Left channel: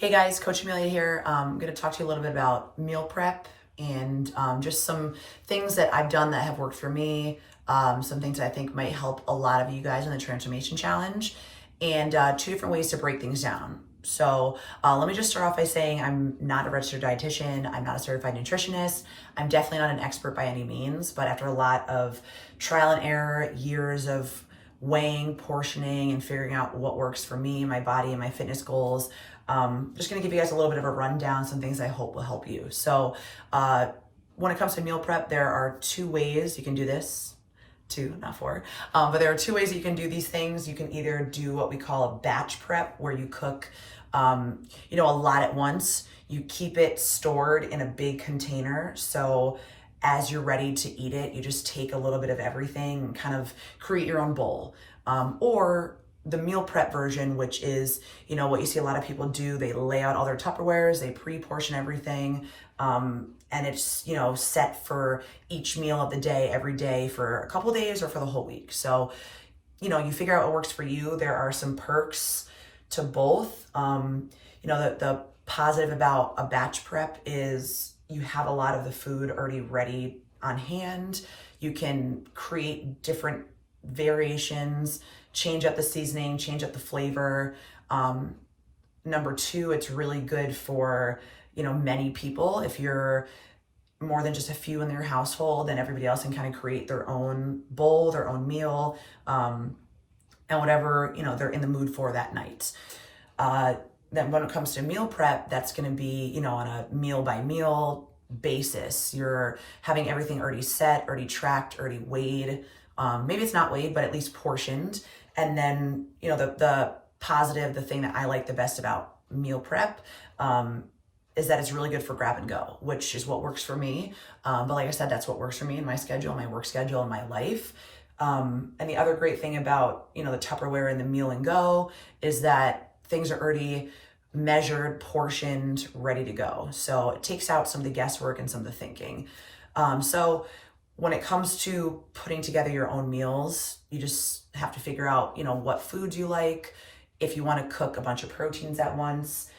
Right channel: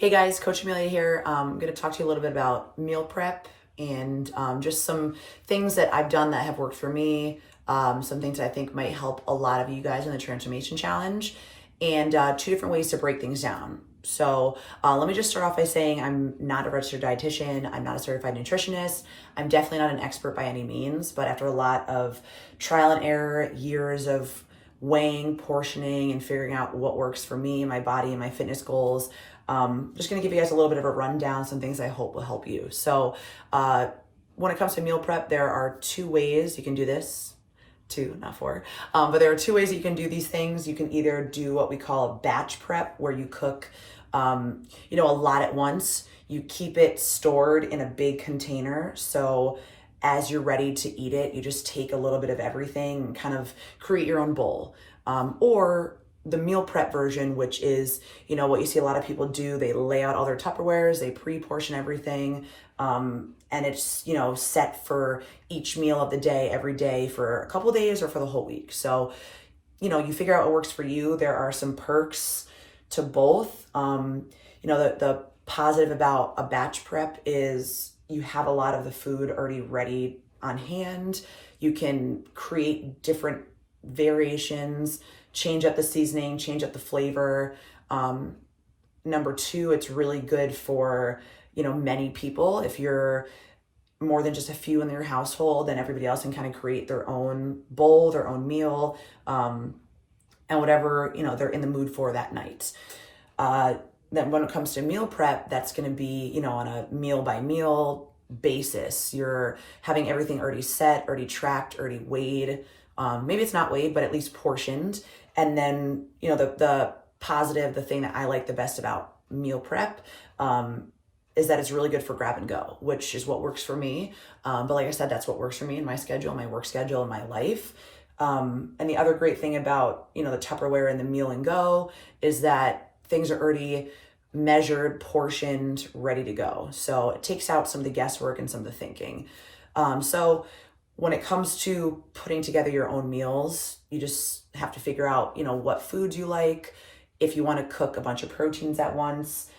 Hey guys, Coach Emilia here. I'm going to talk to you a little bit about meal prep and just some things that I've done that have worked for me, some things that I think might help a lot of you guys in the Transformation Challenge, and two different ways to break things down. So let me just start off by saying I'm not a registered dietitian. I'm not a certified nutritionist. I'm definitely not an expert by any means, but after a lot of trial and error, years of weighing, portioning, and figuring out what works for me, my body, and my fitness goals, just going to give you guys a little bit of a rundown, some things I hope will help you. So when it comes to meal prep, there are two ways you can do this. Two, not four. But there are two ways that you can do these things. You can either do what we call a batch prep, where you cook, a lot at once. You keep it stored in a big container. So as you're ready to eat it, you just take a little bit of everything and kind of create your own bowl. Or the meal prep version, which is, what you see a lot of people do. They lay out all their Tupperwares, they pre-portion everything, and it's, set for each meal of the day, every day for a couple of days or for the whole week. So, you figure out what works for you. There are some perks to both. The positive about a batch prep is you have a lot of the food already ready on hand. You can create different variations, change up the seasoning, change up the flavor. Number two, it's really good for, many people. If you're more than just a few in your household, then everybody else can kind of create their own bowl, their own meal, and whatever, they're in the mood for that night. Then when it comes to meal prep, that's going to be, on a meal by meal basis. You're having everything already set, already tracked, already weighed. Maybe it's not weighed, but at least portioned. And then, the positive, the thing that I like the best about meal prep, is that it's really good for grab and go, which is what works for me. But like I said, that's what works for me in my schedule, my work schedule, and my life. And the other great thing about, the Tupperware and the meal and go is that things are already measured, portioned, ready to go. So it takes out some of the guesswork and some of the thinking. So when it comes to putting together your own meals, you just have to figure out, what foods you like. If you want to cook a bunch of proteins at once,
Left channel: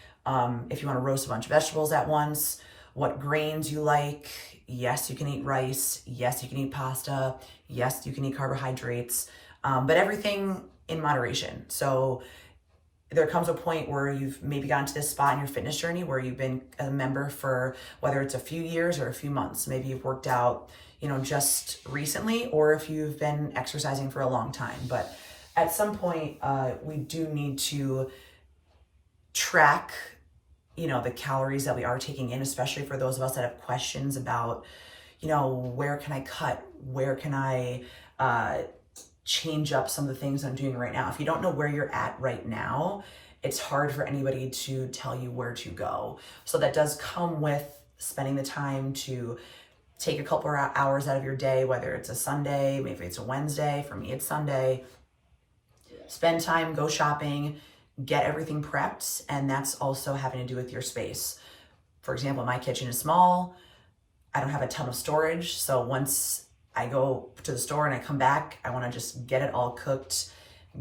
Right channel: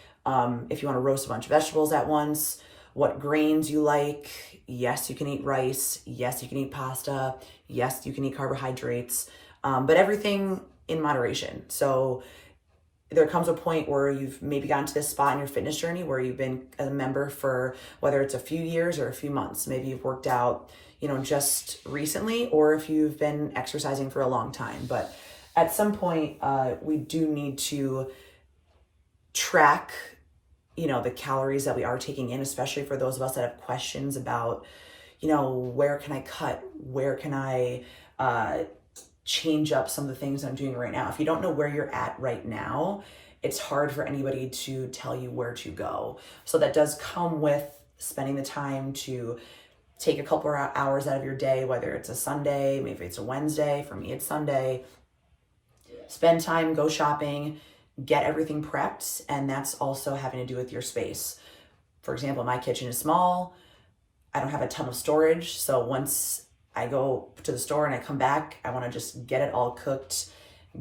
if you want to roast a bunch of vegetables at once, what grains you like. Yes, you can eat rice. Yes, you can eat pasta. Yes, you can eat carbohydrates, but everything in moderation. So there comes a point where you've maybe gotten to this spot in your fitness journey where you've been a member for whether it's a few years or a few months. Maybe you've worked out, just recently, or if you've been exercising for a long time. But at some point, we do need to track, the calories that we are taking in, especially for those of us that have questions about, where can I cut? Where can I change up some of the things I'm doing right now? If you don't know where you're at right now, it's hard for anybody to tell you where to go. So that does come with spending the time to take a couple of hours out of your day, whether it's a Sunday, maybe it's a Wednesday. For me, it's Sunday. Spend time, go shopping, get everything prepped. And that's also having to do with your space. For example, my kitchen is small. I don't have a ton of storage. So once I go to the store and I come back, I want to just get it all cooked,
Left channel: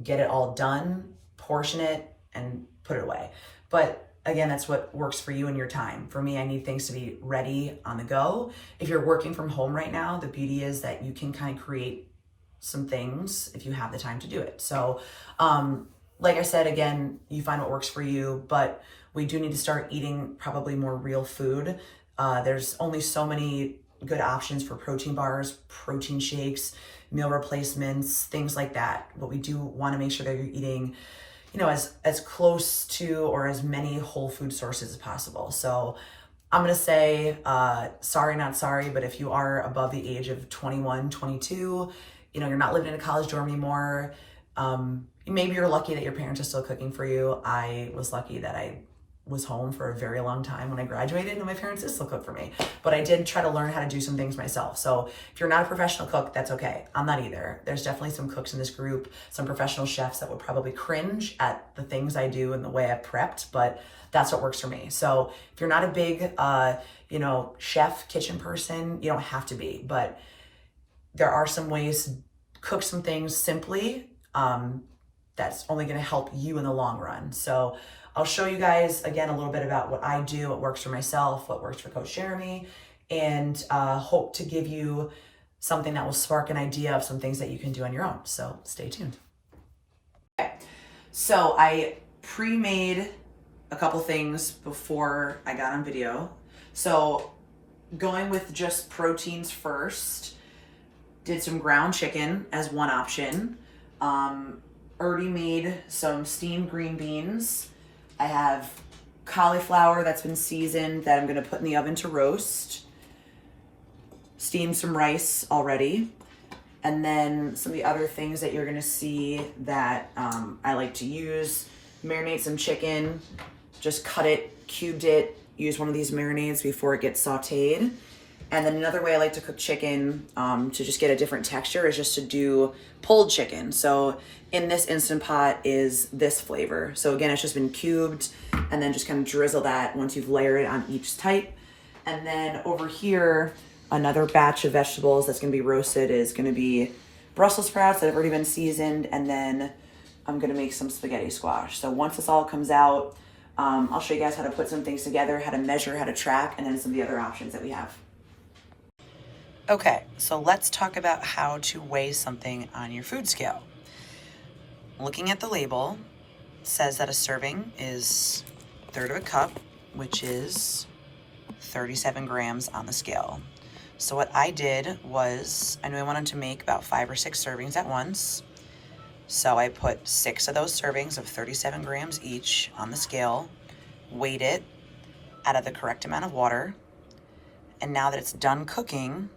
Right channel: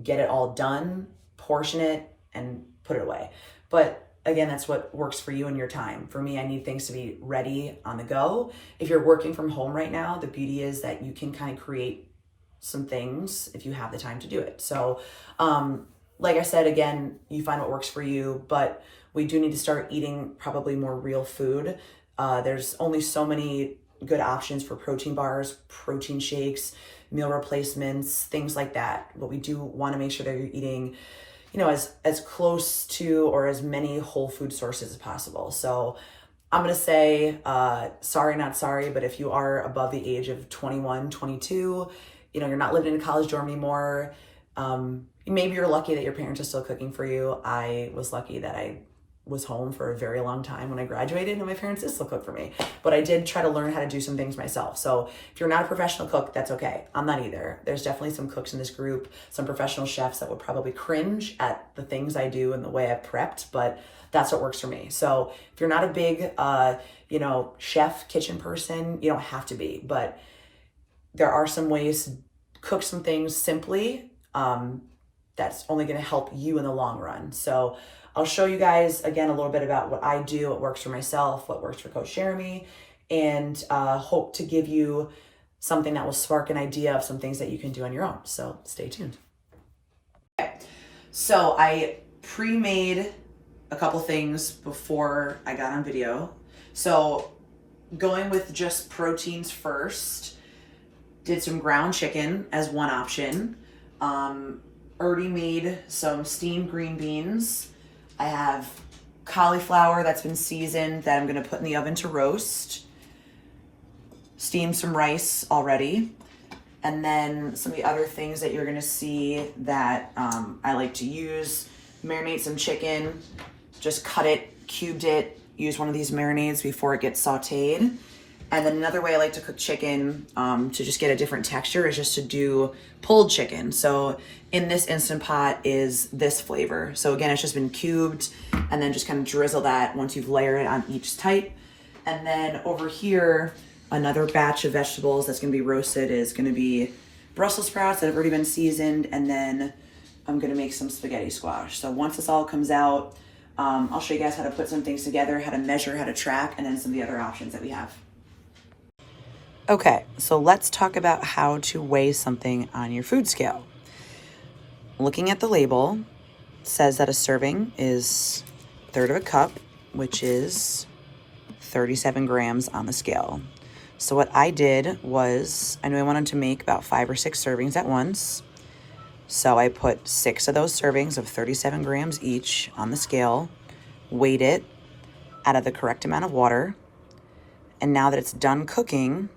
get it all done, portion it, and put it away. But again, that's what works for you and your time. For me, I need things to be ready on the go. If you're working from home right now, the beauty is that you can kind of create some things if you have the time to do it. So, like I said, again, you find what works for you, but we do need to start eating probably more real food. There's only so many good options for protein bars, protein shakes, meal replacements, things like that. But we do want to make sure that you're eating, as close to or as many whole food sources as possible. So I'm going to say, sorry, not sorry, but if you are above the age of 21, 22, you're not living in a college dorm anymore. Maybe you're lucky that your parents are still cooking for you. I was lucky that I was home for a very long time when I graduated and my parents did still cook for me. But I did try to learn how to do some things myself. So if you're not a professional cook, that's okay. I'm not either. There's definitely some cooks in this group, some professional chefs that would probably cringe at the things I do and the way I've prepped, but that's what works for me. So if you're not a big, chef, kitchen person, you don't have to be, but there are some ways to cook some things simply, that's only going to help you in the long run. So I'll show you guys again a little bit about what I do, what works for myself, what works for Coach Jeremy, and hope to give you something that will spark an idea of some things that you can do on your own. So stay tuned. Okay. So I pre-made a couple things before I got on video. So going with just proteins first, did some ground chicken as one option. Already made some steamed green beans. I have cauliflower that's been seasoned that I'm gonna put in the oven to roast. Steamed some rice already. And then some of the other things that you're gonna see that I like to use, marinate some chicken, just cut it, cubed it, use one of these marinades before it gets sauteed. And then another way I like to cook chicken to just get a different texture is just to do pulled chicken. So in this Instant Pot is this flavor. So again, it's just been cubed and then just kind of drizzle that once you've layered it on each type. And then over here, another batch of vegetables that's gonna be roasted is gonna be Brussels sprouts that have already been seasoned. And then I'm gonna make some spaghetti squash. So once this all comes out, I'll show you guys how to put some things together, how to measure, how to track, and then some of the other options that we have. Okay, so let's talk about how to weigh something on your food scale. Looking at the label, it says that a serving is a third of a cup, which is 37 grams on the scale. So what I did was, I knew I wanted to make about 5 or 6 servings at once. So I put 6 of those servings of 37 grams each on the scale, weighed it, added the correct amount of water, and now that it's done cooking,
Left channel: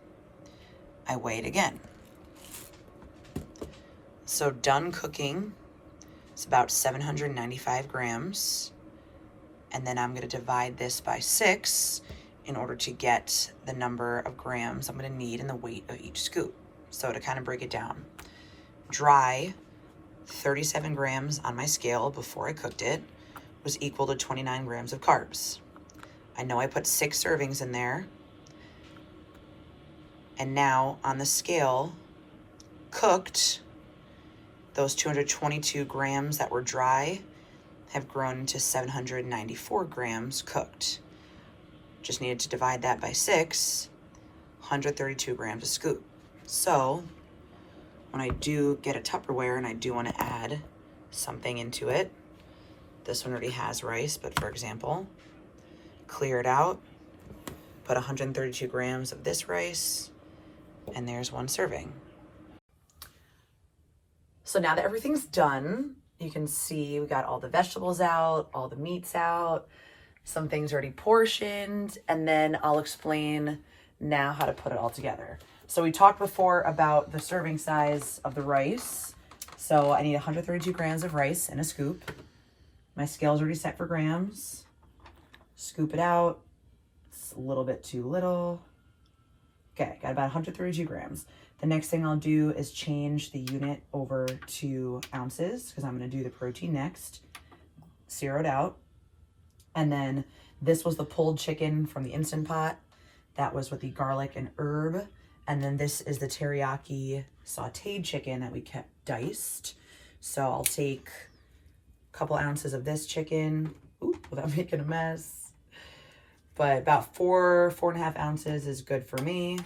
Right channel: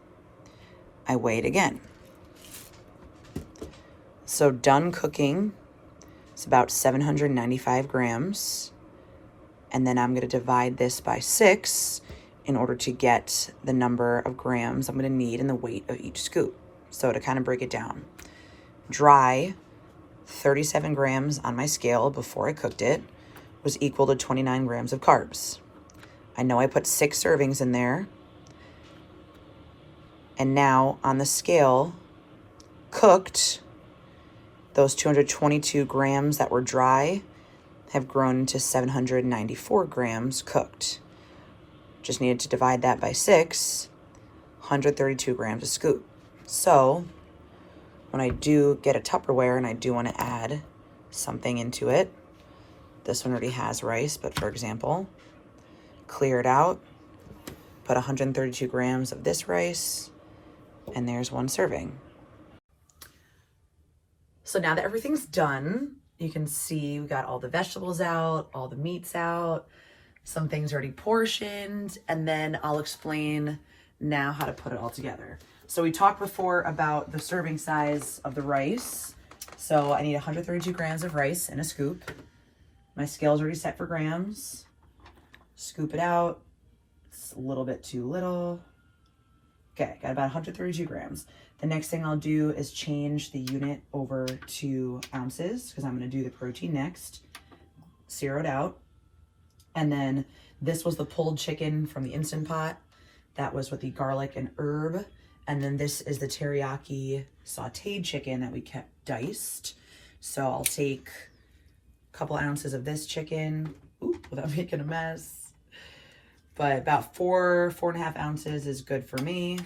I weigh it again. So done cooking, it's about 795 grams. And then I'm gonna divide this by 6 in order to get the number of grams I'm gonna need and the weight of each scoop. So to kind of break it down, dry, 37 grams on my scale before I cooked it was equal to 29 grams of carbs. I know I put 6 servings in there. And now on the scale, cooked, those 222 grams that were dry have grown to 794 grams cooked. Just needed to divide that by 6, 132 grams a scoop. So when I do get a Tupperware and I do want to add something into it, this one already has rice, but for example, clear it out, put 132 grams of this rice, and there's 1 serving. So now that everything's done, you can see we got all the vegetables out, all the meats out, some things already portioned, and then I'll explain now how to put it all together. So we talked before about the serving size of the rice. So I need 132 grams of rice in a scoop. My scale is already set for grams. Scoop it out. It's a little bit too little. Okay, got about 132 grams. The next thing I'll do is change the unit over to ounces because I'm going to do the protein next. Zero it out. And then this was the pulled chicken from the Instant Pot. That was with the garlic and herb. And then this is the teriyaki sauteed chicken that we kept diced. So I'll take a couple ounces of this chicken, without making a mess. But about 4.5 ounces is good for me.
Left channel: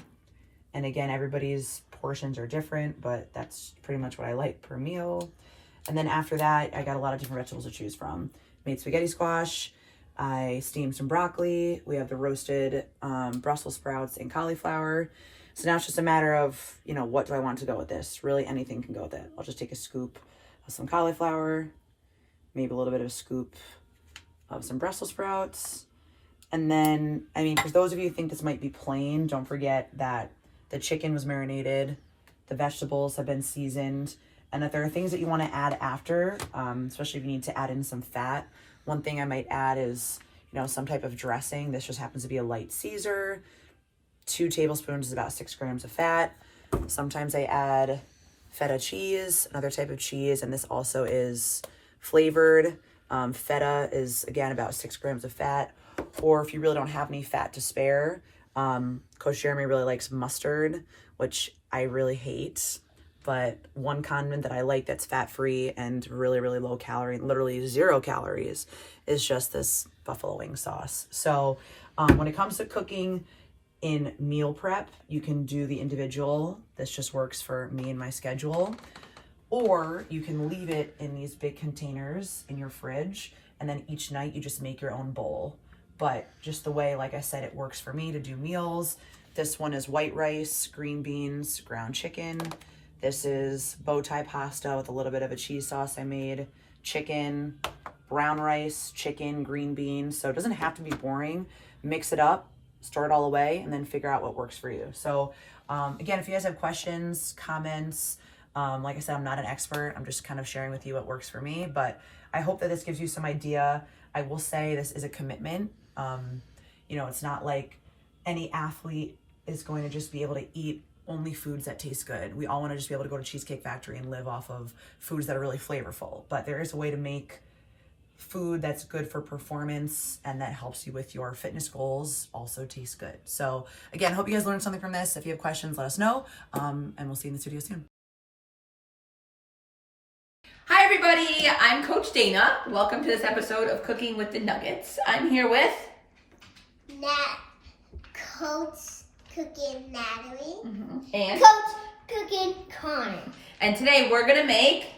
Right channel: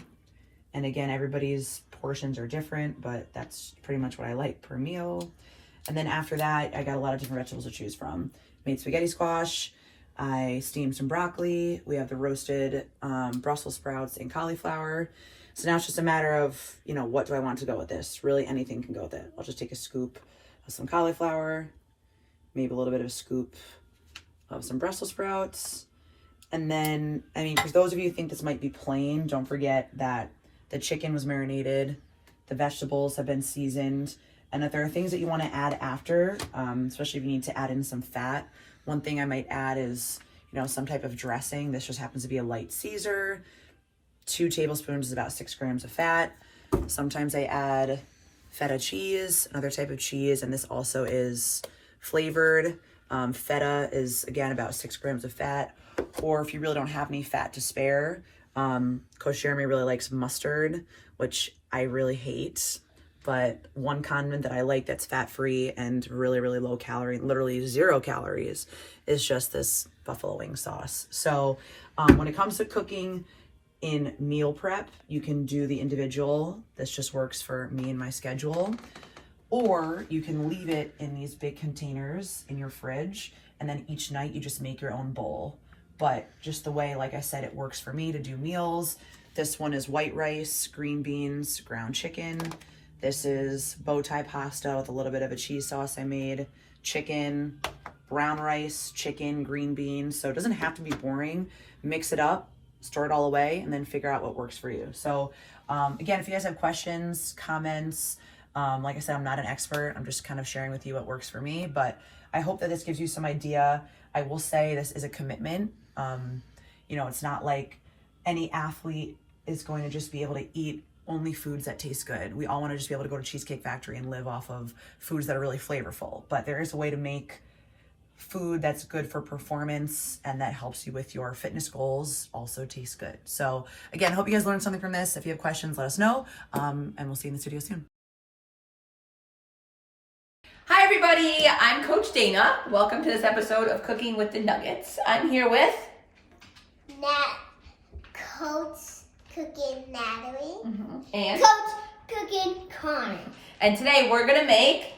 And again, everybody's portions are different, but that's pretty much what I like per meal. And then after that, I got a lot of different vegetables to choose from. Made spaghetti squash. I steamed some broccoli. We have the roasted Brussels sprouts and cauliflower. So now it's just a matter of, what do I want to go with this? Really, anything can go with it. I'll just take a scoop of some cauliflower, maybe a little bit of a scoop of some Brussels sprouts. And then, for those of you who think this might be plain, don't forget that the chicken was marinated, the vegetables have been seasoned, and if there are things that you want to add after, especially if you need to add in some fat, one thing I might add is, some type of dressing. This just happens to be a light Caesar. 2 tablespoons is about 6 grams of fat. Sometimes I add feta cheese, another type of cheese, and this also is flavored. Feta is, again, about 6 grams of fat. Or if you really don't have any fat to spare, Coach Jeremy really likes mustard, which I really hate. but one condiment that I like that's fat-free and really, really low calorie, literally 0 calories, is just this buffalo wing sauce. So when it comes to cooking in meal prep, you can do the individual. This just works for me and my schedule. Or you can leave it in these big containers in your fridge, and then each night you just make your own bowl. But just the way, like I said, it works for me to do meals. This one is white rice, green beans, ground chicken. This is bow tie pasta with a little bit of a cheese sauce I made, chicken, brown rice, chicken, green beans. So it doesn't have to be boring. Mix it up, store it all away, and then figure out what works for you. So again, if you guys have questions, comments, like I said, I'm not an expert. I'm just kind of sharing with you what works for me, but I hope that this gives you some idea. I will say this is a commitment. You know, it's not like any athlete is going to just be able to eat only foods that taste good. We all want to just be able to go to Cheesecake Factory and live off of foods that are really flavorful, but there is a way to make food that's good for performance and that helps you with your fitness goals also taste good. So again, I hope you guys learned something from this. If you have questions, let us know, and we'll see you in this video soon. Hi everybody, I'm Coach Dayna. Welcome to this episode of Cooking with the Nuggets. I'm here with Coach Cooking Natalie. And Coach Cooking Connor. And today we're gonna make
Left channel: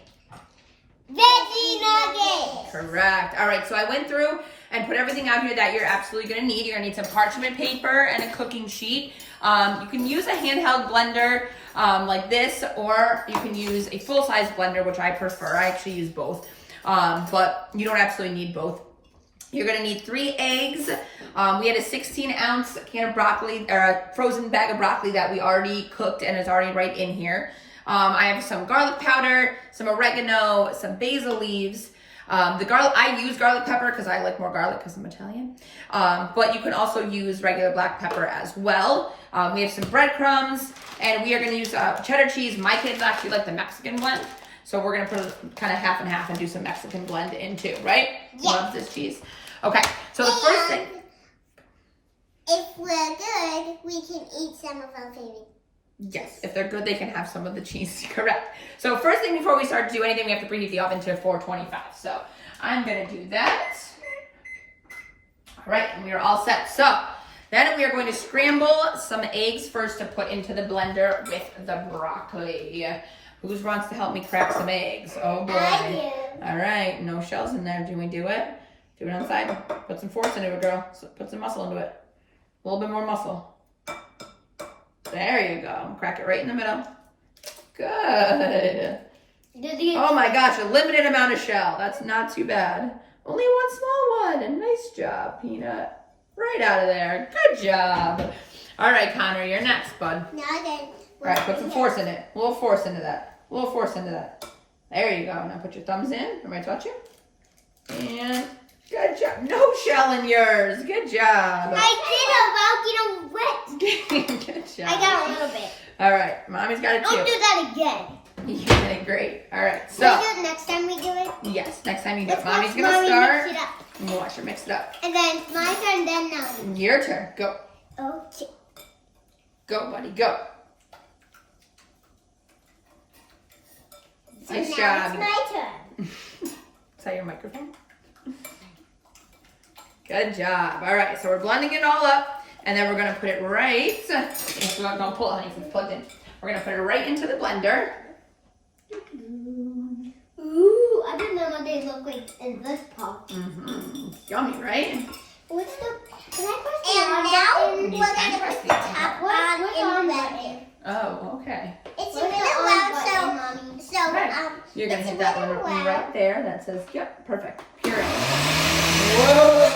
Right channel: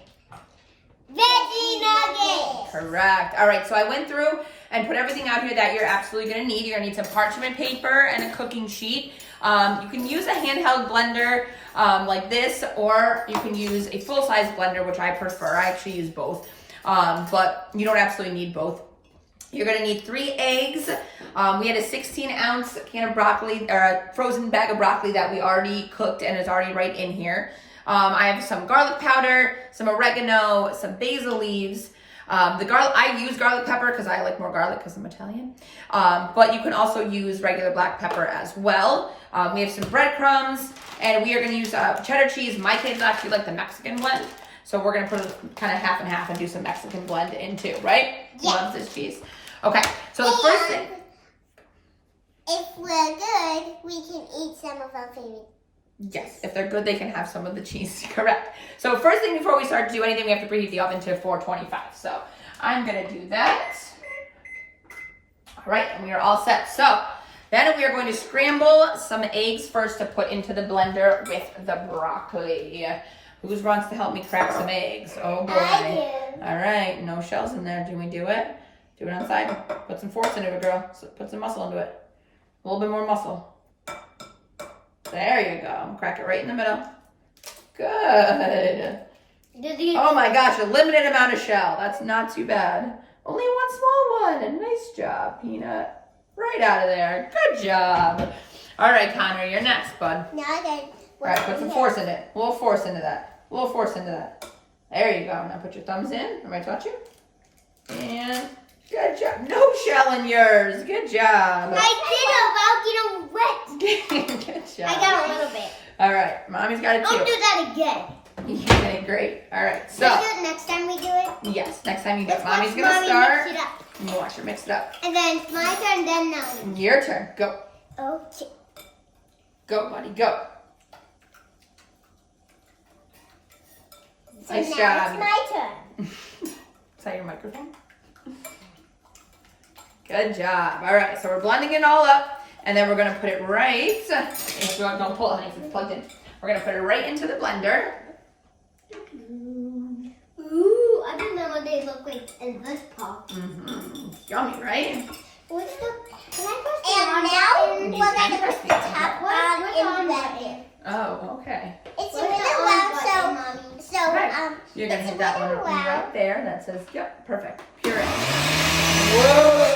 Veggie Nuggets. correct. All right, so I went through and put everything out here that you're absolutely gonna need. You're gonna need some parchment paper and a cooking sheet. You can use a handheld blender like this, or you can use a full-size blender, which I prefer. I actually use both, but you don't absolutely need both. You're gonna need 3 eggs. We had a 16-ounce can of broccoli, or a frozen bag of broccoli that we already cooked and is already right in here. I have some garlic powder, some oregano, some basil leaves. The garlic, I use garlic pepper because I like more garlic because I'm Italian. But you can also use regular black pepper as well. We have some breadcrumbs, and we are going to use cheddar cheese. My kids actually like the Mexican blend, so we're going to put it kind of half and half and do some Mexican blend in too, right? Yeah. Loves this cheese. Okay, so the first thing. If we're good, we can eat some of our favorite. Yes, if they're good, they can have some of the cheese. Correct. So first thing before we start to do anything, we have to preheat the oven to 425. So I'm going to do that. All right, and we are all set. So then we are going to scramble some eggs first to put into the blender with the broccoli. Who wants to help me crack some eggs? Oh boy. I do. All right, no shells in there. Do we do it? Do it on the side. Put some force into it, girl. So put some muscle into it. A little bit more muscle. There you go. Crack it right in the middle. Good. Oh my gosh, a limited amount of shell. That's not too bad. Only one small one. Nice job, Peanut. Right out of there. Good job. All right, Connor, you're next, bud. Now then. All right, put some force in it. A little force into that. A little force into that. There you go. Now put your thumbs in. Am I touch you? And good job. No shell in yours. Good job. I did about getting wet. Good job. I got a little bit. All right, Mommy's got it too. Don't do that again. You did great. All right, so. Can we do it next time we do it? Yes, next time you do it. Let's Mommy's watch gonna Mommy start. mix it up. And watch her mix it up. And then it's my turn, then Natalie. Your turn. Go. Okay. Go, buddy. Go. So Nice now job. it's my turn. Is that your microphone? Good job. All right, so we're blending it all up, and then we're gonna put it right. Don't pull it, honey, 'cause it's plugged in. We're gonna put it right into the blender. Ooh, I remember they look like in this pot. Yummy, right? What's the? Can I press the on button? We're gonna press the top one in the button. Oh, okay. It's a little loud, so Okay. You're gonna it's hit a that one little loud. right there. That says, yep, perfect. Puree. Whoa!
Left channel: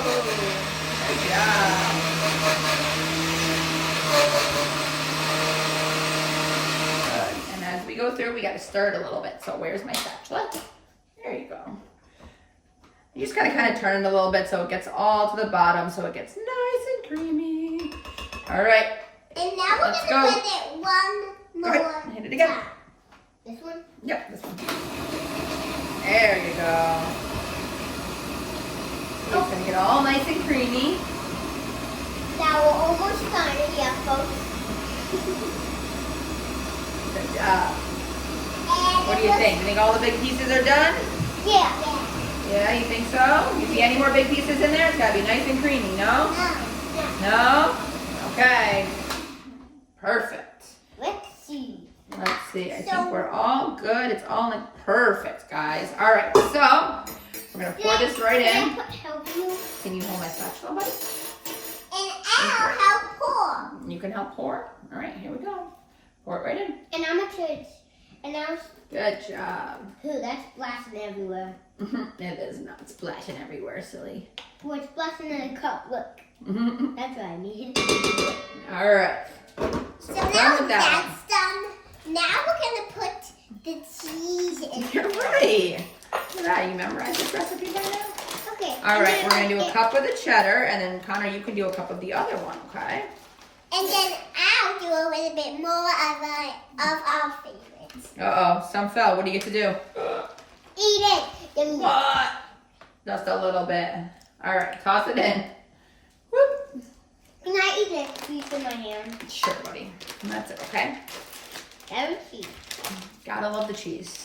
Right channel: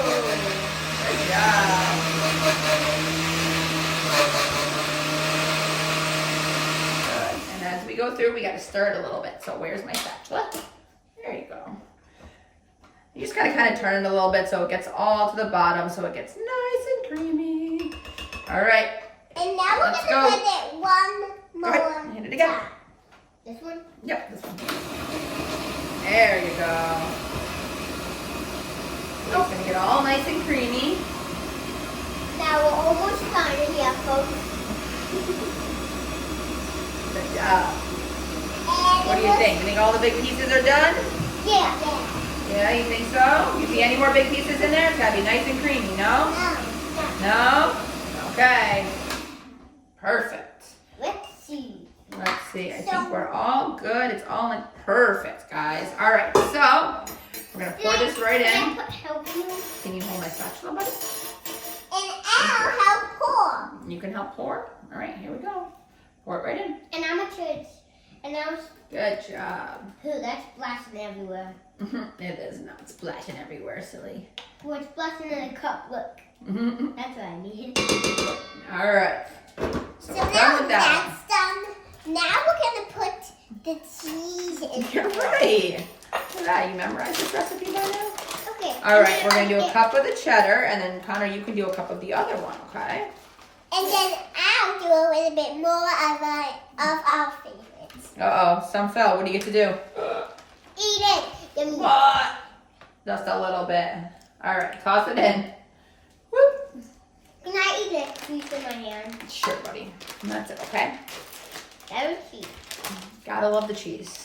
Good job. Good. And as we go through, we gotta stir it a little bit. So where's my spatula? There you go. You just gotta kind of turn it a little bit so it gets all to the bottom, so it gets nice and creamy. All right. And now we're Let's gonna go. put it one Go more. ahead. Hit it again. time. This one? Yep, this one. There you go. It's gonna get all nice and creamy. Now we're almost done here, folks. Good job. What do you think? You think all the big pieces are done? Yeah. Yeah, you think so? You see any more big pieces in there? It's gotta be nice and creamy, no? No? Okay. Perfect. Let's see. Let's see. I think we're all good. It's all like perfect, guys. All right, so we're gonna pour this right in. Can I help you? Can you hold my spatula, buddy? And I'll help pour. You can help pour. All right, here we go. Pour it right in. And I'm a church. And I'm. Good job. Ooh, that's splashing everywhere. It is not splashing everywhere, silly. Well, it's splashing in a cup. Look. That's what I mean. All right. So Done now with that that's done. Now we're gonna put the cheese in. You're right. Look at that. You memorized this recipe by now? Okay. All right, we're gonna do a cup of the cheddar, and then Connor, you can do a cup of the other one, okay? And then I'll do a little bit more of our favorites. Uh-oh, some fell. What do you get to do? Eat it. Yummy. What? Just a little bit. All right, toss it in. Whoop. Can I eat it? Piece in my hand. Sure, buddy. That's it, okay? That was cheese. Gotta love the cheese.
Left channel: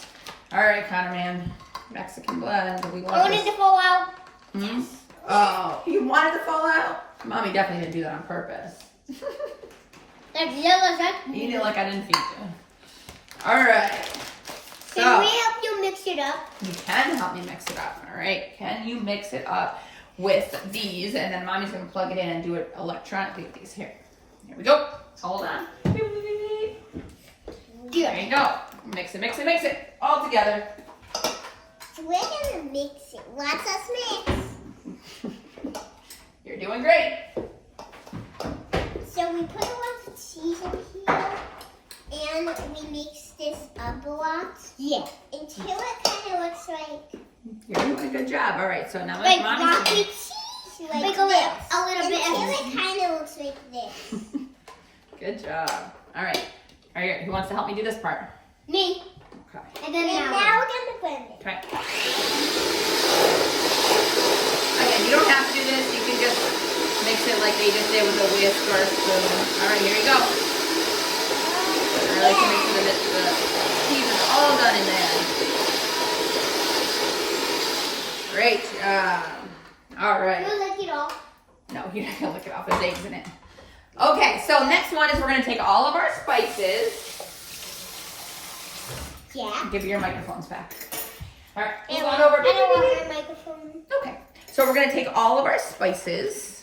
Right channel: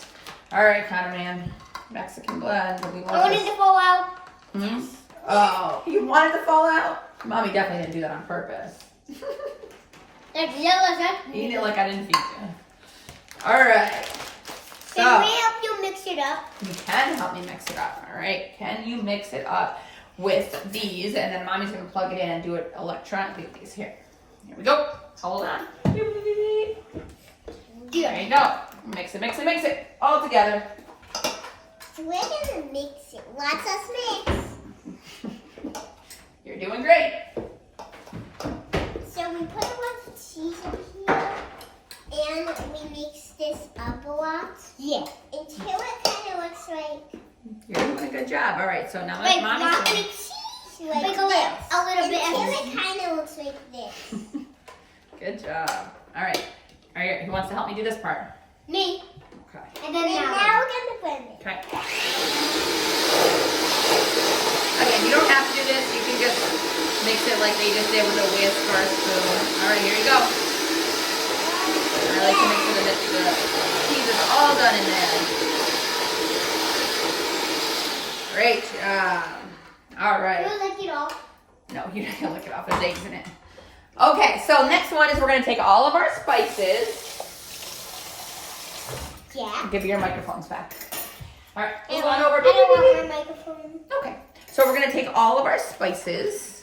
All right, Connor, man. Mexican blend. Do we I want wanted this? to fall out. Hmm? Oh, you wanted to fall out? Mommy definitely didn't do that on purpose. That's yellow. That's Eat it like I didn't feed you. All right. Can we So, help you mix it up? you can help me mix it up, all right? Can you mix it up with these? And then Mommy's gonna plug it in and do it electronically with these. Here we go. Hold on. There you go. Mix it all together. We're gonna mix it. Lots of mix. You're doing great. So we put a lot of cheese in here, and we mix this up a lot. Yeah. Until it kind of looks like. You're doing a good job. All right, so now Like Mommy's not gonna... like cheese. Like a little bit. Until it kind of looks like this. Good job. All right. Who wants to help me do this part? Me. Okay. And then now we're gonna blend it. Okay. Again, you don't have to do this. You can just mix it like they just did with a whisk or a spoon. All right, here you go. I like to make sure that the cheese is all done in there. Great job. All right. We'll lick it off. No, you're not gonna lick it off. There's eggs in it. Okay, so next one is we're gonna take all of our spices. Yeah. I'll give you your microphones back. All right, I move don't on over. want my microphone. Okay, so we're gonna take all of our spices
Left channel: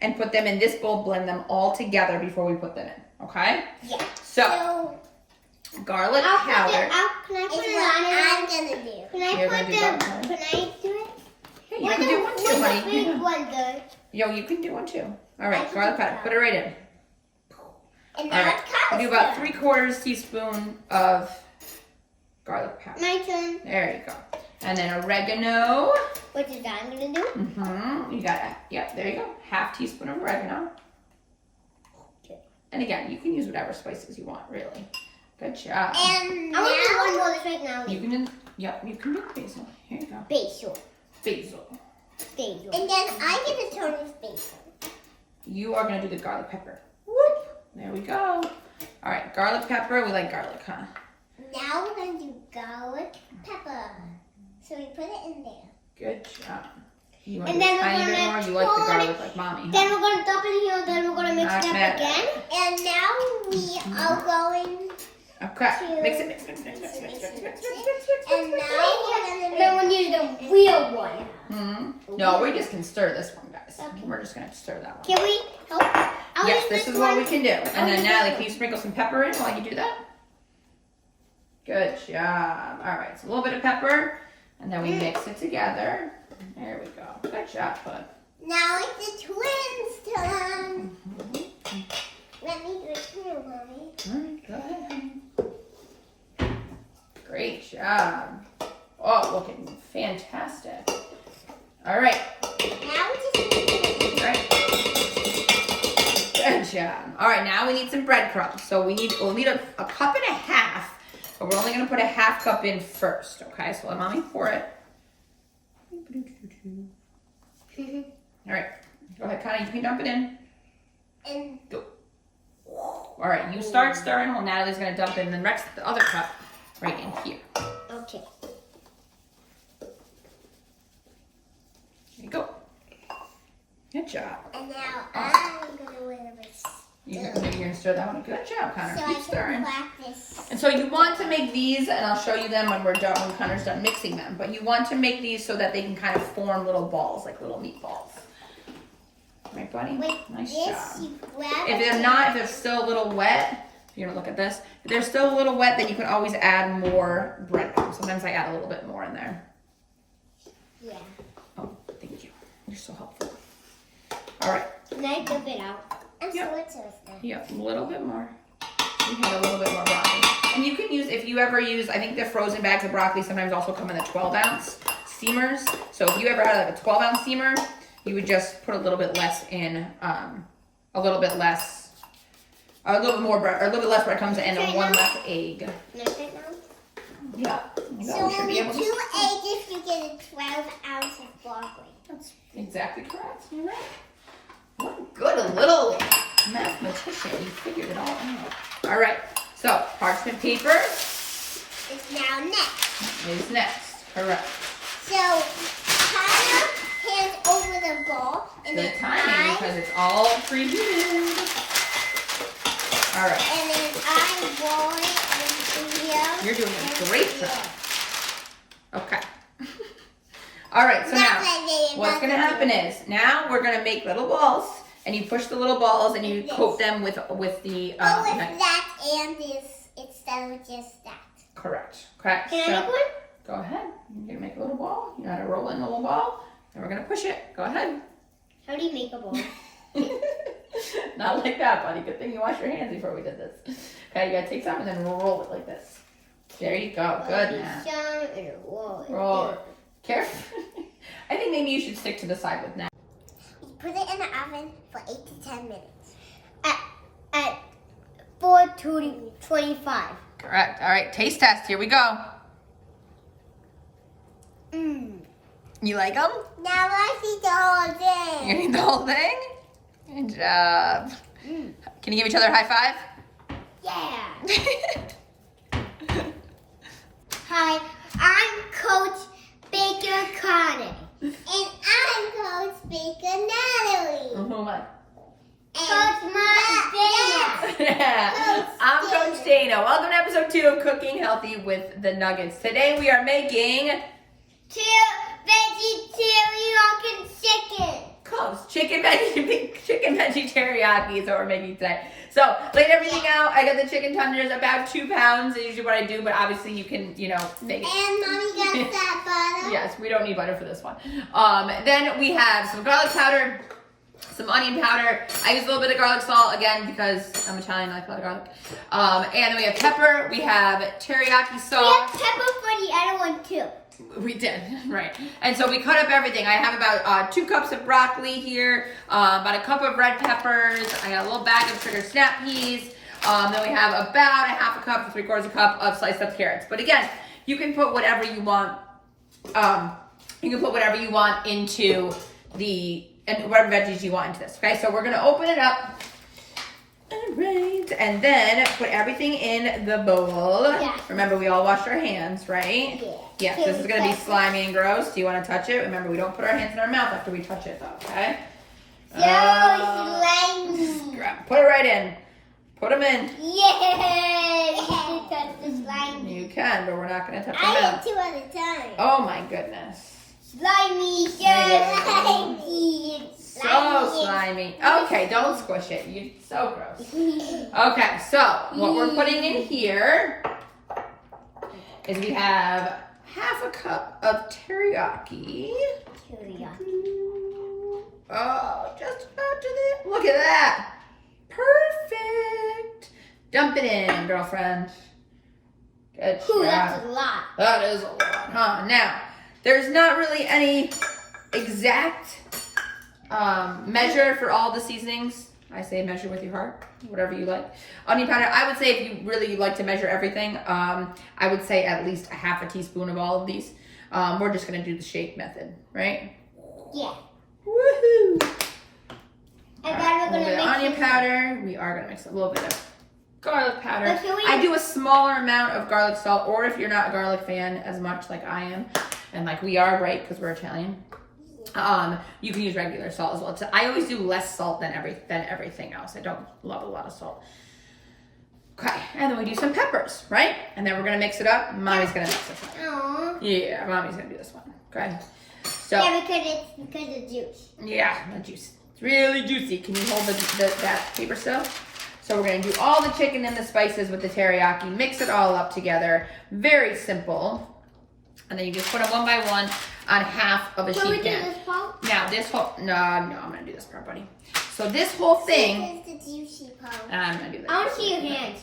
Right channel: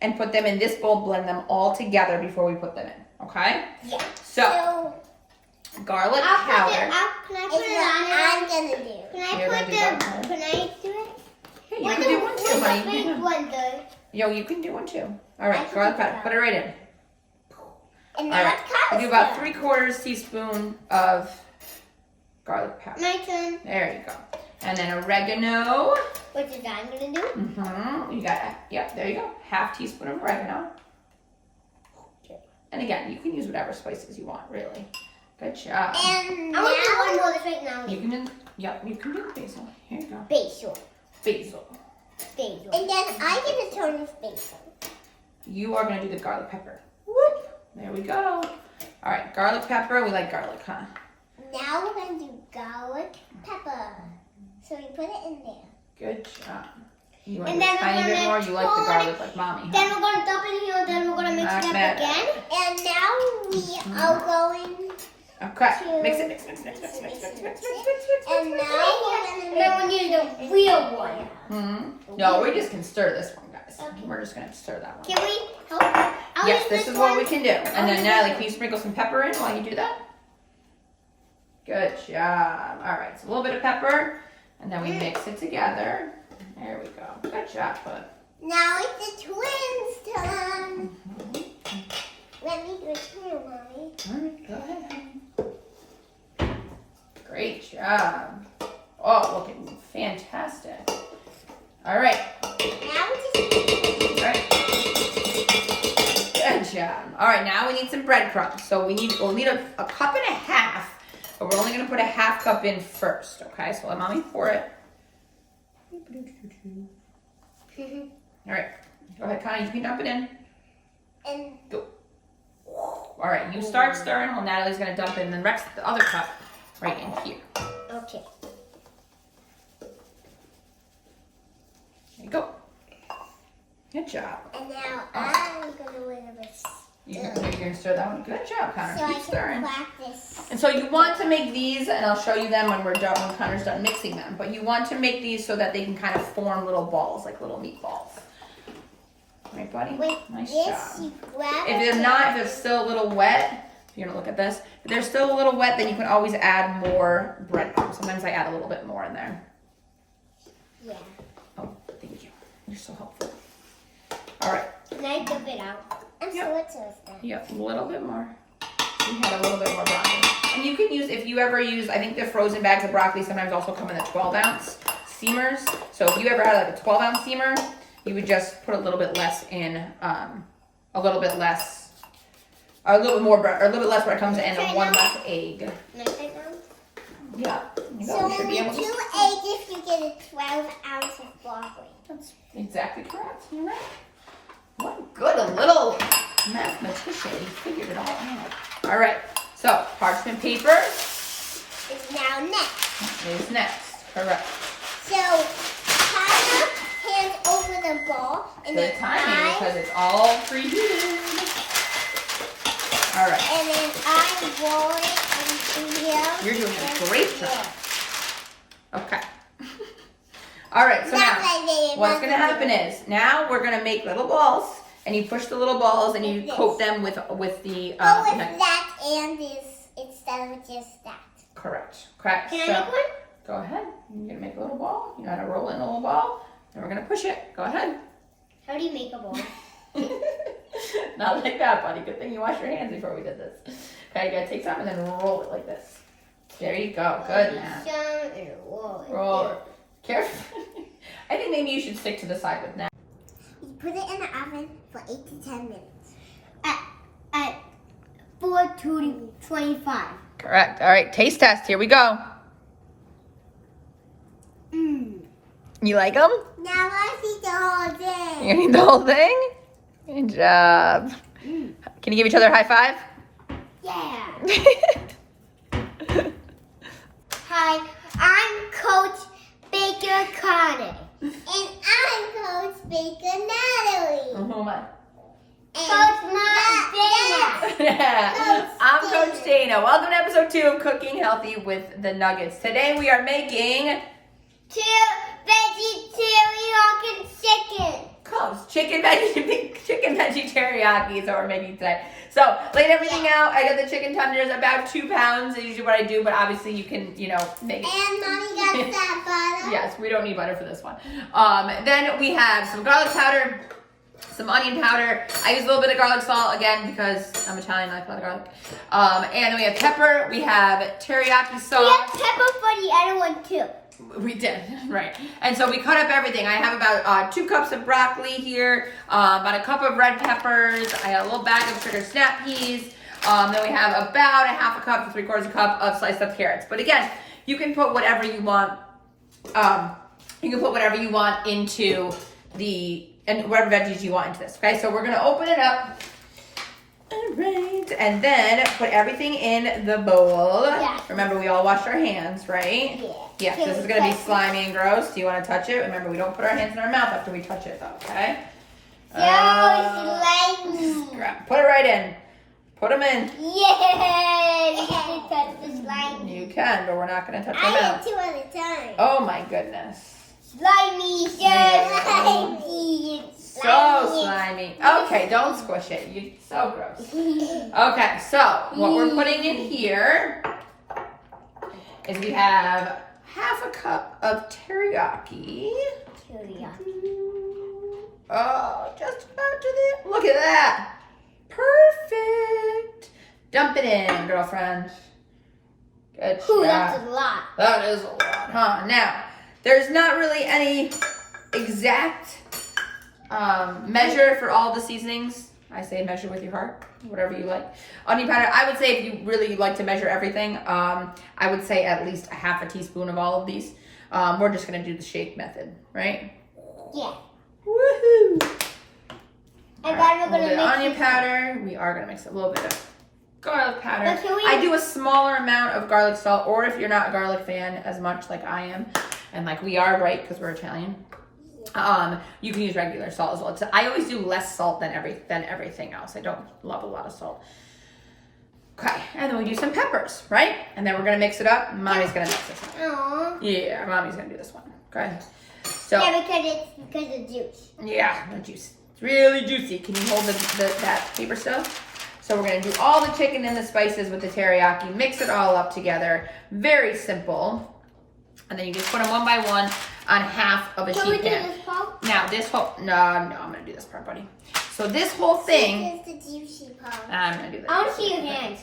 and put them in this bowl, blend them all together before we put them in, okay? Yeah. So, garlic powder. Can I put it on? I'm gonna do. You're gonna do garlic powder? Can I do it? Hey, you can do one too, honey. Big blender. Yo, you can do one too. All I right, can garlic do powder, that. put it right in. And All now right, it's we do about 3/4 teaspoon of garlic powder. My turn. There you go. And then oregano. Which is that I'm gonna do? Mm-hmm. You got it. Yep, there you go. 1/2 teaspoon of oregano. And again, you can use whatever spices you want, really. Good job. And I want to do one more right now. You can do, yep, you can do basil. Here you go. Basil. Basil. Basil. And then I'm gonna turn this basil. You are gonna do the garlic pepper. Whoop. There we go. All right, garlic pepper. We like garlic, huh? Now we're gonna do garlic pepper. So we put it in there. Good job. You want And to then do a we're tiny bit gonna more? You like the pour garlic like mommy, Then huh? we're gonna dump it in here. Then we're gonna mix it up Mad. again. And now we are going. Okay. Mix it. And now then we need the real one. Hmm. No, we just can stir this one, guys. Okay. We're just gonna stir that one. Can we help? I'll Yes, use this is what we can do. And then use Natalie, this can you sprinkle some pepper in while you do that? Good job. All right, so a little bit of pepper, and then we mix it together. There we go. Good job, bud. Now it's the twins' turn. Let me do it too, Mommy. All right, go ahead. Great job. Oh, looking fantastic. All right. Now we just All right. Good job. All right, now we need some breadcrumbs. So we'll need a cup and a half, but we're only gonna put a 1/2 cup in first, okay? So let mommy pour it. All right, go ahead, Connie, you can dump it in. and Go. All right, you start stirring while Natalie's gonna dump it in the next the other cup. right in here. Okay. There you go. Good job. And now I'm gonna wear this. You're gonna stir that one. Good job, Connor. So I Keep can stirring. practice. And so you want to make these, and I'll show you them when we're done, when Connor's done mixing them. But you want to make these so that they can kind of form little balls, like little meatballs. Right, buddy? Nice job. If they're not, if they're still a little wet, you're gonna look at this. If they're still a little wet, then you can always add more breadcrumbs. Sometimes I add a little bit more in there. Yeah. Oh, thank you. You're so helpful. All right. Can I dip it out? I'm Yep. so exhausted. Yep, a little bit more. We had a little bit more broccoli. And you can use, if you ever use, I think the frozen bags of broccoli sometimes also come in the 12-ounce steamers. So if you ever had like a 12-ounce steamer, you would just put a little bit less in, a little bit more bread, or a little bit less breadcrumbs and one less egg. Can I take now? Yeah. You So should be only able to. 2 eggs, you get a 12 ounce of broccoli. That's exactly correct. You're right. What good a little mathematician. You figured it all out. All right. So parchment paper It's now next. is next. Correct. So kind of hands over the ball. And Good then timing because it's all preheated. All right. And then I roll it in here. You're doing a great job. Okay. All right, so now what's going to happen is now we're going to make little balls, and you push the little balls and you coat them with the Go with okay. that and this instead of just that. Correct. Correct. Can So, I make one? go ahead. You're going to make a little ball. You're going to roll it in a little ball, and we're going to push it. Go ahead. How do you make a ball? Not like that, buddy. Good thing you washed your hands before we did this. Okay, you got to take some and then roll it like this. There you go. Good now. Roll it. Careful. I think maybe you should stick to the side with now. You put it in the oven for 8 to 10 minutes. At 425. Correct. All right, taste test. Here we go. You like them? Now I see the whole thing. You need the whole thing? Good job. Can you give each other a high five? Yeah. Hi, I'm Coach Baker Carter. And I'm Coach Baker Natalie. Oh my. Coach Dayna. I'm Coach Dayna. Welcome to episode 2 of Cooking Healthy with the Nuggets. Today we are making Veggie teriyaki chicken. close. Chicken veggie teriyaki is what we're making today. So, laid everything out. I got the chicken tenders, about 2 pounds. Is usually what I do, but obviously you can, make it. And Mommy got that butter. Yes, we don't need butter for this one. Then we have some garlic powder, some onion powder. I use a little bit of garlic salt, again, because I'm Italian, I like a lot of garlic. And then we have pepper. We have teriyaki We sauce. have pepper for the other one too. We did, right. And so we cut up everything. I have about 2 cups of broccoli here, about a cup of red peppers. I have a little bag of trigger snap peas. Then we have about a half a cup to 3/4 cup of sliced up carrots. But again, you can put whatever you want. You can put whatever you want into and whatever veggies you want into this. Okay, so we're gonna open it up. All right, and then put everything in the bowl. Yeah. Remember, we all washed our hands, right? Yeah. Yes, this is gonna be slimy and gross. Do you want to touch it? Remember, we don't put our hands in our mouth after we touch it, okay? Slimy. Put it right in. Put them in. Yay! You can touch the slimy. You can, but we're not gonna touch I your had mouth. 2 at a time. Oh my goodness. Slimy, slimy. So slimy. Okay, don't squish it. You so gross. Okay, so what we're putting in here is we have half a cup of teriyaki. Oh, just about to the look at that. Perfect. Dump it in, girlfriend. Good Ooh, job. that's a lot. That is a lot, huh? Now, there's not really any exact measure for all the seasonings. I say measure with your heart, whatever you like. Onion powder, I would say if you really like to measure everything, I would say at least a half a teaspoon of all of these. We're just gonna do the shake method, right? Yeah. Woohoo! I got A little bit of onion powder. We are gonna mix a little bit of garlic powder. I do a smaller amount of garlic salt, or if you're not a garlic fan as much like I am, and like we are, right, because we're Italian, you can use regular salt as well. So I always do less salt than everything else. I don't love a lot of salt. Okay, and then we do some peppers, right? And then we're gonna mix it up. Mommy's gonna mix this one. Aww. Yeah, Mommy's gonna do this one. Okay. So Yeah, because it's juice. yeah, the juice. It's really juicy. Can you hold that paper still? So we're gonna do all the chicken and the spices with the teriyaki, mix it all up together. Very simple. And then you just put them one by one on half of a sheet pan. Can we do this part? Now this whole, no, I'm gonna do this part, buddy. So this whole thing, This is the juicy part. I'm gonna do this. I want to see your hands.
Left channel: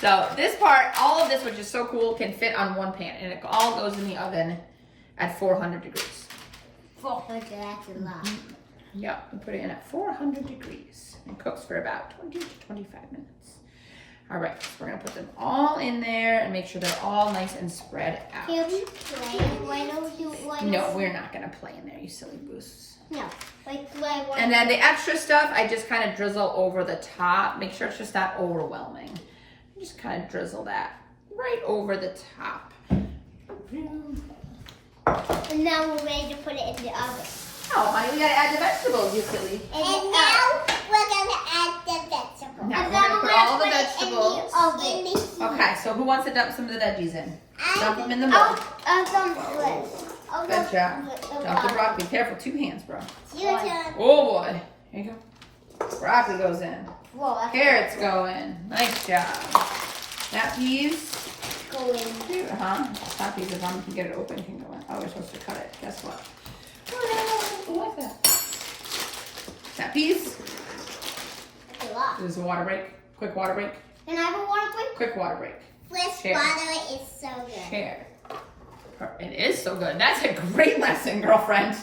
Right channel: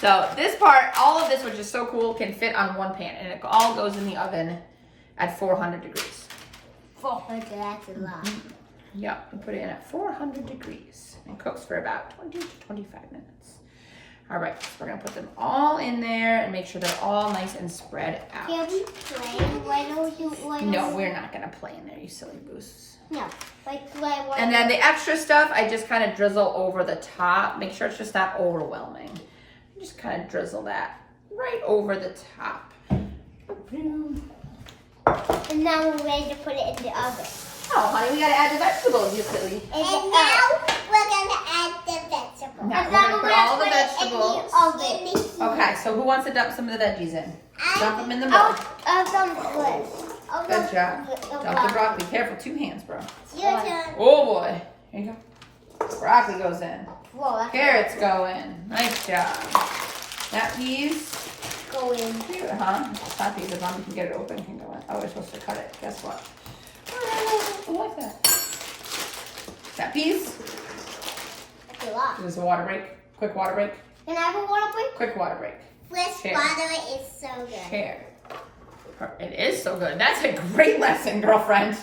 So this part, all of this, which is so cool, can fit on one pan, and it all goes in the oven at 400 degrees. 400, that's a lot. Yep, we put it in at 400 degrees and cooks for about 20 to 25 minutes. All right, so we're gonna put them all in there and make sure they're all nice and spread out. Can we play? Why don't you? No, we're not gonna play in there, you silly goose. No, like play. And then the extra stuff, I just kind of drizzle over the top. Make sure it's just not overwhelming. Just kind of drizzle that right over the top. And now we're ready to put it in the oven. Oh, honey, we gotta add the vegetables, you silly. And now we're gonna add the vegetables. Now we're gonna put all the vegetables. vegetables. Okay, so who wants to dump some of the veggies in? Dump them in the bowl. I'll dump this. Good job. Dump the broccoli. Careful, 2 hands, bro. Your turn. Oh boy. Here you go. Broccoli goes in. Whoa, that's Carrots go in. Nice job. That peas. go in. Cute, huh? Stop these if I can get it open, can go in. Oh, we're supposed to cut it. Guess what? What is that? That peas. That's a lot. This is a water break. Quick water break. Can I have a water break? Quick water break. Fresh Here. water is so good. Here. It is so good. That's a great lesson, girlfriend.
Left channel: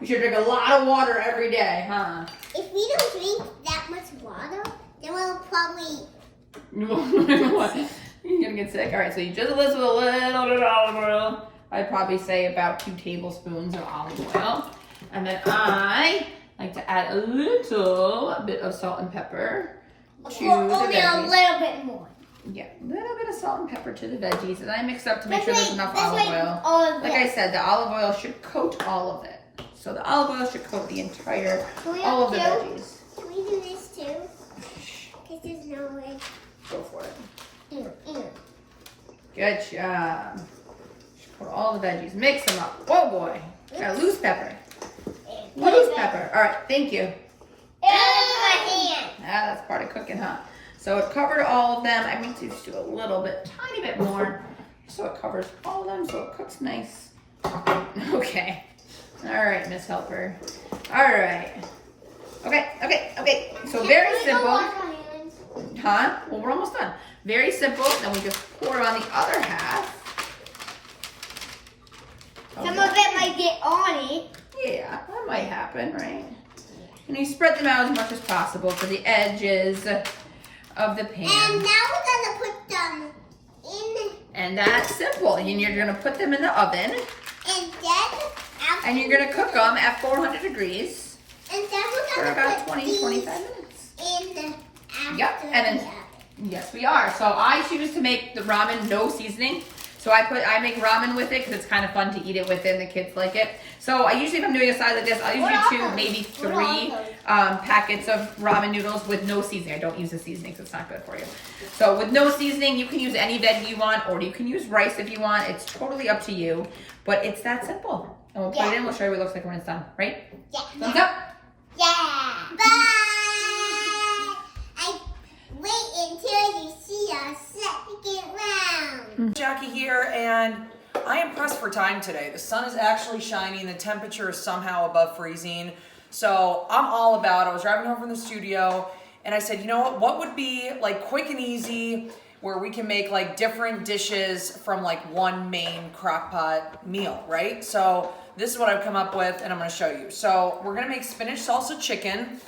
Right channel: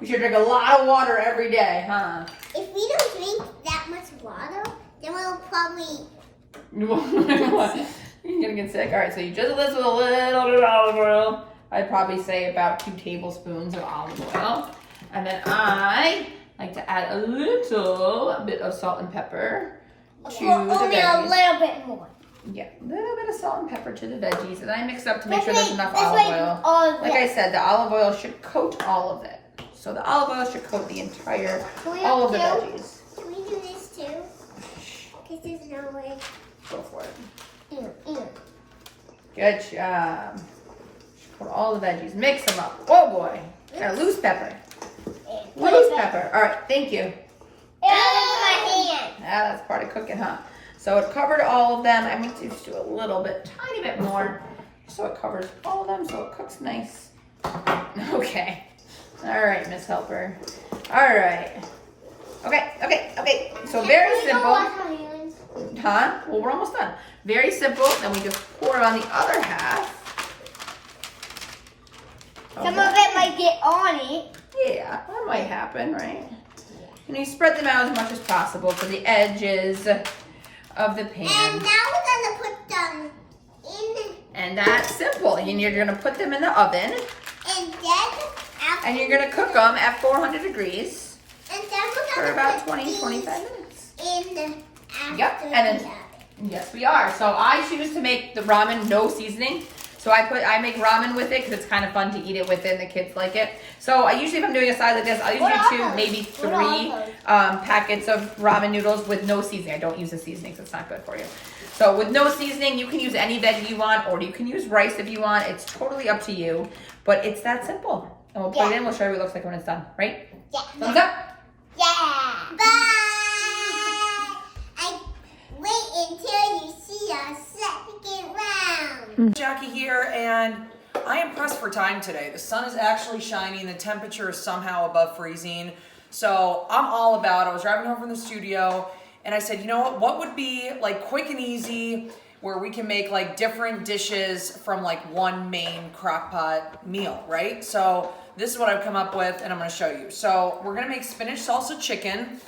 You should drink a lot of water every day, huh? If we don't drink that much water, then we'll probably. You're gonna get sick. All right, so you drizzle this with a little bit of olive oil. I'd probably say about 2 tablespoons of olive oil. And then I like to add a little bit of salt and pepper to the Only a veggies. little bit more. Yeah, a little bit of salt and pepper to the veggies. And I mix it up to make Let's sure there's make- enough let's olive make oil. all of Like this. I said, the olive oil should coat all of it. So the olive oil should coat the entire, Can we all of the have veggies. Can we do this too? Because there's no way. Go for it. Ew. Good job. Put all the veggies, mix them up. Oh boy, got loose pepper. Loose pepper. All right, thank you. My hand. Ah, that's part of cooking, huh? So it covered all of them. I need to just do a little bit, tiny bit more, so it covers all of them, so it cooks nice. Okay. All right, Miss Helper. All right. Okay. So very simple. Huh? Well, we're almost done. Very simple. Then we just pour it on the other half. Some of it might get on it. Yeah, that might happen, right? And you spread them out as much as possible to the edges of the pan. And now we're gonna put them in. And that's simple. And you're gonna put them in the oven. And then after. And you're gonna cook them at 400 degrees And then we're for gonna about put 20, these 25 minutes. in after Yep, and then- the oven. Yes, we are. So I choose to make the ramen no seasoning. So I make ramen with it because it's kind of fun to eat it with it and the kids like it. So I usually, if I'm doing a side like this, I'll usually do 2, maybe 3 packets of ramen noodles with no seasoning. I don't use the seasoning, so it's not good for you. So with no seasoning, you can use any veggie you want, or you can use rice if you want. It's totally up to you, but it's that simple. And we'll put it in. We'll show you what it looks like when it's done. Right? Yeah. Thumbs up. Yeah. Bye. I wait until you see our second round. Jackie here, and I am pressed for time today. The sun is actually shining, the temperature is somehow above freezing, so I'm all about it. I was driving home from the studio, and I said, you know what would be like quick and easy where we can make like different dishes from like one main crock pot meal, right? So this is what I've come up with, and I'm gonna show you. So we're gonna make spinach salsa chicken,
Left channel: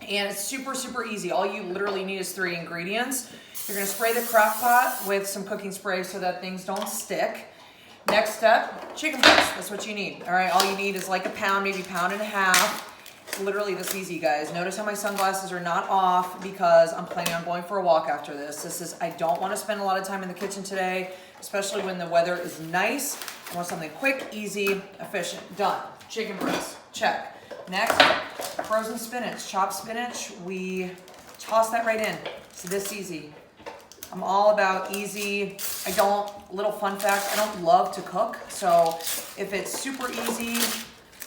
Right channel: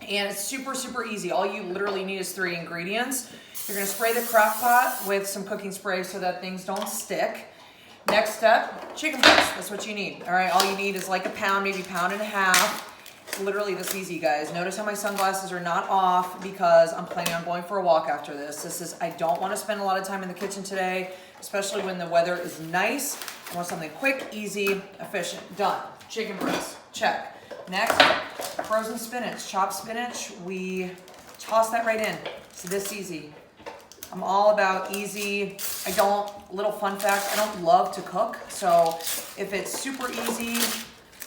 and it's super, super easy. All you literally need is 3 ingredients. You're gonna spray the crock pot with some cooking spray so that things don't stick. Next step, chicken breast, that's what you need. All right, all you need is like a pound, maybe 1.5 pounds. literally this easy, guys. Notice how my sunglasses are not off because I'm planning on going for a walk after this. I don't want to spend a lot of time in the kitchen today, especially when the weather is nice. I want something quick, easy, efficient. Done. Chicken breast, check. Next, frozen spinach, chopped spinach. We toss that right in. It's this easy. I'm all about easy. Little fun fact, I don't love to cook. So if it's super easy,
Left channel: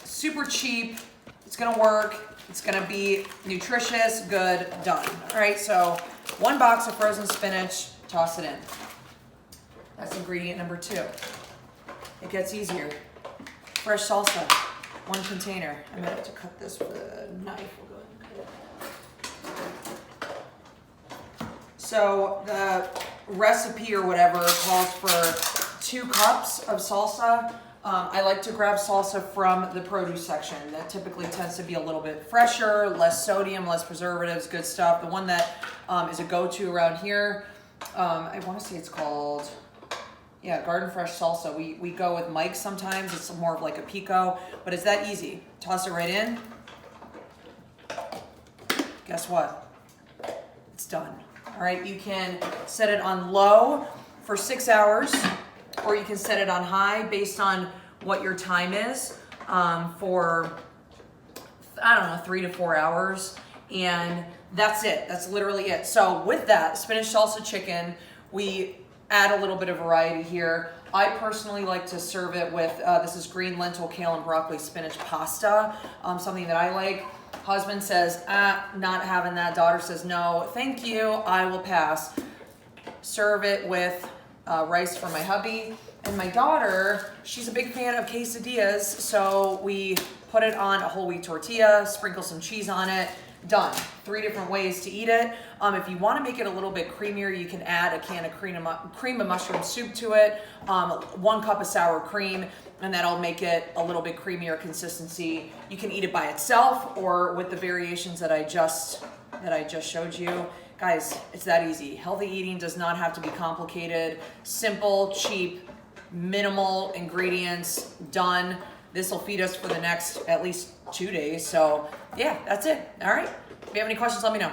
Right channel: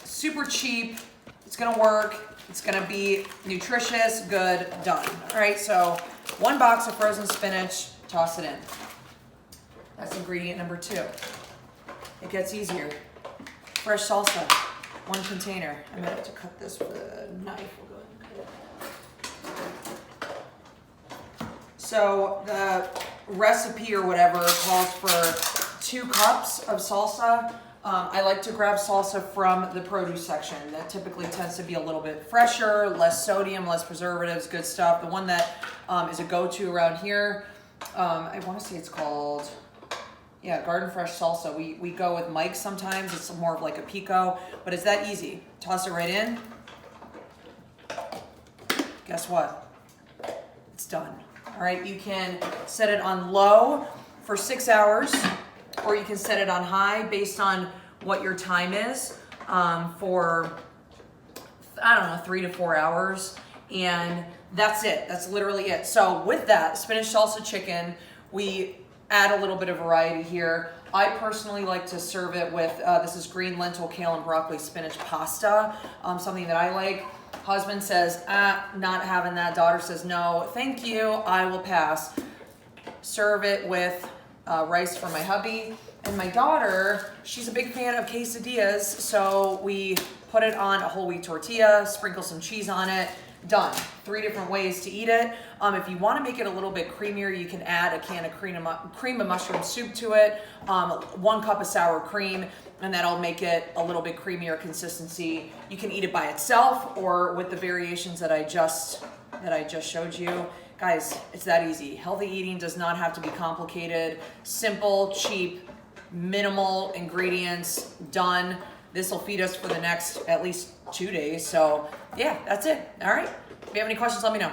super cheap, it's gonna work. It's gonna be nutritious, good, done. All right, so 1 box of frozen spinach, toss it in. That's ingredient number 2. It gets easier. Fresh salsa, 1 container. I'm gonna have to cut this with a knife. We'll go ahead and cut it. So the recipe or whatever calls for 2 cups of salsa. I like to grab salsa from the produce section. That typically tends to be a little bit fresher, less sodium, less preservatives, good stuff. The one that is a go-to around here, I want to say it's called, Garden Fresh Salsa. We go with Mike's sometimes. It's more of like a pico, but it's that easy. Toss it right in. Guess what? It's done. All right, you can set it on low for 6 hours, or you can set it on high based on what your time is for, 3 to 4 hours. And that's it. That's literally it. So with that, spinach salsa chicken, we add a little bit of variety here. I personally like to serve it with, this is green lentil, kale, and broccoli spinach pasta, something that I like. Husband says, not having that. Daughter says, no, thank you, I will pass. Serve it with rice for my hubby. And my daughter, she's a big fan of quesadillas, so we put it on a whole wheat tortilla, sprinkle some cheese on it, done. 3 different ways to eat it. If you want to make it a little bit creamier, you can add a can of cream of mushroom soup to it, 1 cup of sour cream, and that'll make it a little bit creamier consistency. You can eat it by itself or with the variations that I just showed you. Guys, it's that easy. Healthy eating does not have to be complicated. Simple, cheap, minimal ingredients, done. This will feed us for the next at least 2 days. So yeah, that's it. All right. If you have any questions, let me know.